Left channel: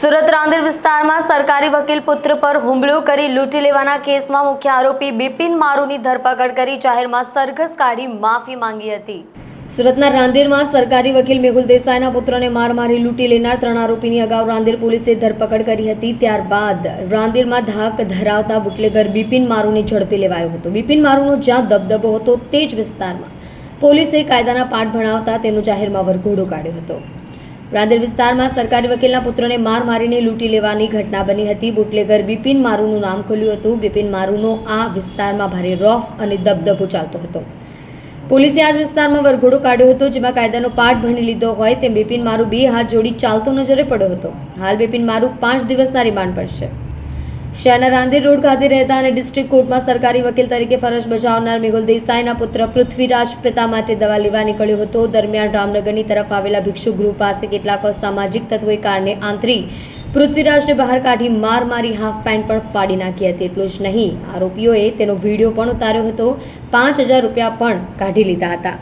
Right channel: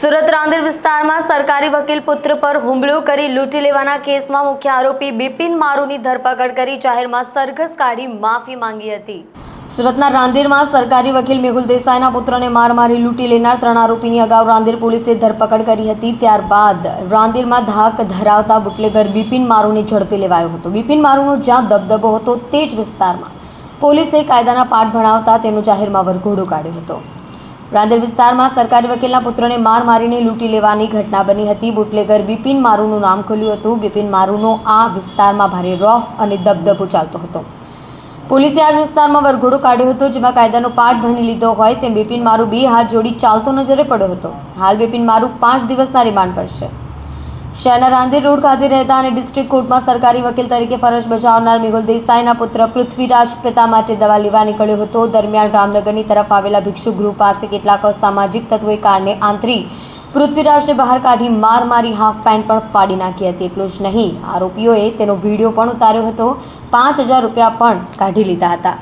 સુરત રાંદેર વિસ્તારમાં સરકારી વકીલ પુત્ર પર હુમલો કરી લૂંટી લેવાના કેસમાં મુખ્ય આરોપી બિપિન મારુની ધરપકડ કરી જાહેરમાં સરઘસ કાઢી માફી માંગી હતી। સુરતના રાંદેરમાં સરકારી વકીલ મેહુલ દેસાઈના પુત્રને માર મારી લૂંટી લેનાર 3 આરોપીની અગાઉ રાંદેર પોલીસે ધરપકડ કરી હતી। ત્યારબાદ રાંદેરમાં ધાક ધરાવતા બુટલેગર બિપિન મારુને ઝડપી લેવાયો હતો। બિપિન મારુનો જ્યાં દબદબો હતો તે જ વિસ્તારમાં પોલીસે કાયદાના પાઠ ભણાવતા તેનો જાહેરમાં વરઘોડો કાઢ્યો હતો। રાંદેર વિસ્તારમાં સરકારી વકીલના પુત્રને માર મારીને લૂંટી લેવાની ઘટના બની હતી। બુટલેગર બિપિન મારુનું નામ ખુલ્યું હતું। બિપિન મારુનો આ વિસ્તારમાં ભારે રોફ અને દબદબો ચાલતો હતો। પોલીસે આ વિસ્તારમાં વરઘોડો કાઢ્યો હતો, જેમાં કાયદાનો પાઠ ભણી લીધો હોય તેમ બિપિન મારુ 2 હાથ જોડી ચાલતો નજરે પડ્યો હતો। હાલ બિપિન મારુ 5 દિવસના રિમાન્ડ પર છે। શહેરના રાંદેર રોડ ખાતે રહેતા અને ડિસ્ટ્રિક્ટ કોર્ટમાં સરકારી વકીલ તરીકે ફરજ બજાવનાર મેહુલ દેસાઈના પુત્ર પૃથ્વીરાજ પિતા માટે દવા લેવા નીકળ્યો હતો। દરમિયાન રામનગરની તરફ આવેલા ભિક્ષુ ગૃહ પાસે કેટલાક અસામાજિક તત્વોએ કારને આંતરી પૃથ્વીરાજને બહાર કાઢી માર મારી હાફ પેન્ટ પણ ફાડી નાખી હતી। એટલું જ નહીં, આરોપીઓએ તેનો વિડીયો પણ ઉતાર્યો હતો। 5000 રૂપિયા પણ કાઢી લીધા હતા।